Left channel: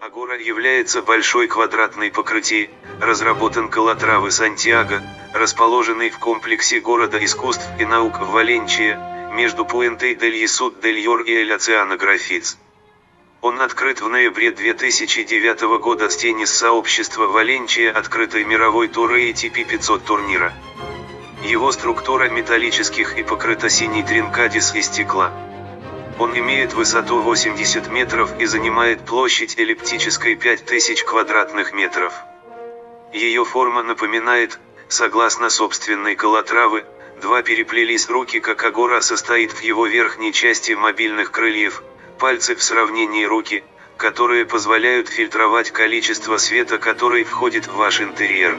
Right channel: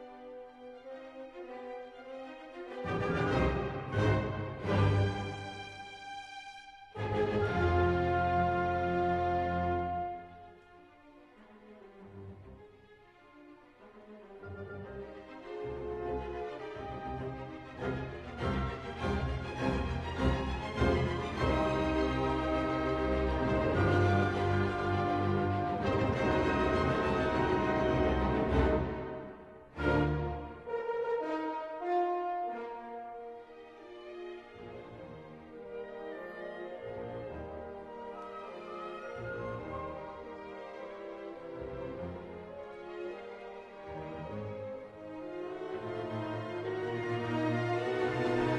Агора является большой квадратной покрытие, разработан Калатравы Сантьяго, расположенный в комплексе города искусств и наук в Валенчия, между Пуэнтой дель Есуд дель Йор и Эль Оцеанографиц. Он открыт в ноябре 2009 года с теннис сообщества Валенчия открытой мировой туры ATP 500 турнира. Его структура металлических и покрыта синей тринкадис из стекла. Он имеет высоту 80 метров и занимает площадь эллиптической 5000 квадратных метров. Ее форма напоминает, согласно собственной Калатравы, два переплелись руки как агора состоит в его верхней части мобильных крыльев, пальцы в сравнении руки, которые позволяют фильтровать количество света который входит в ваш интерьер.